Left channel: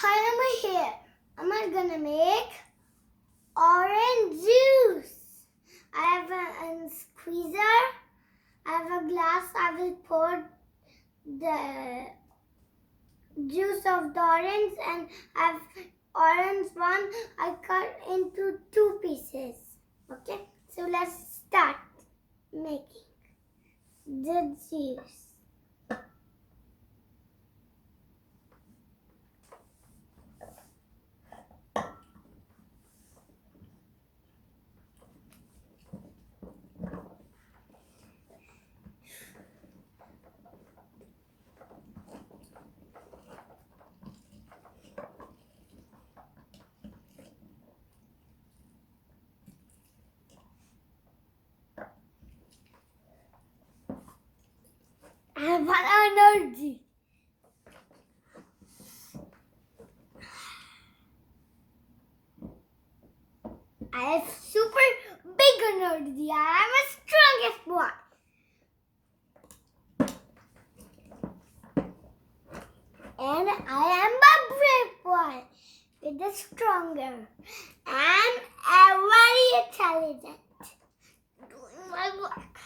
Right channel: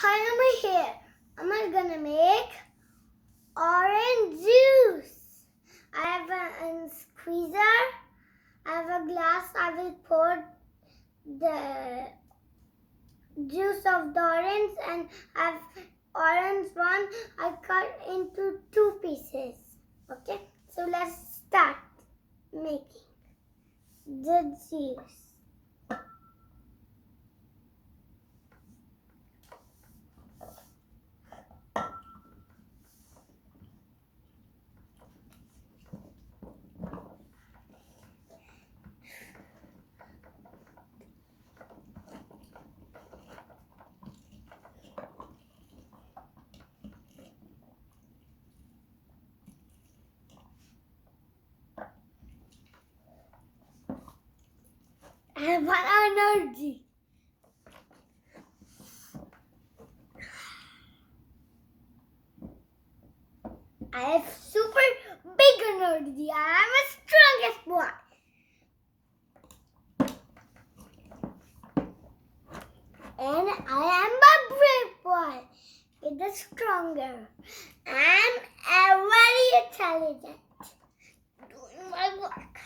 Hi, I'm here. I'm gonna make orange juice. I have a squeezer. I have a glass. I will pour the juice of the orange, and I have orange one. I cut into 2 pieces. Okay, so let's start making the juice. I have one energy. I have super big energy. I am the strongest one. And I am a brave one. With the stronger. I'm very intelligent. Doing my work.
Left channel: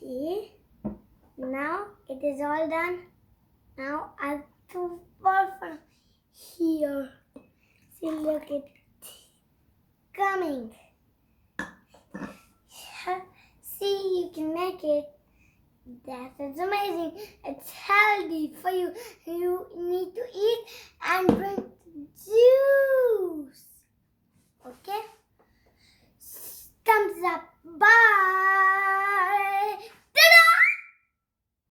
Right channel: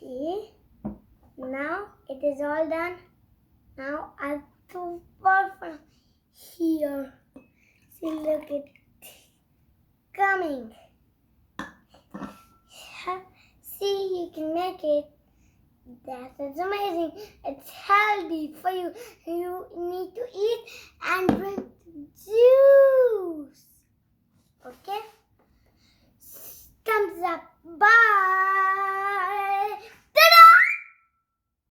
See? Now it is all done. Now I have to pour from here. See, look, it's coming. See, you can make it. That is amazing. It's healthy for you. You need to eat and drink juice. Okay? Thumbs up. Bye.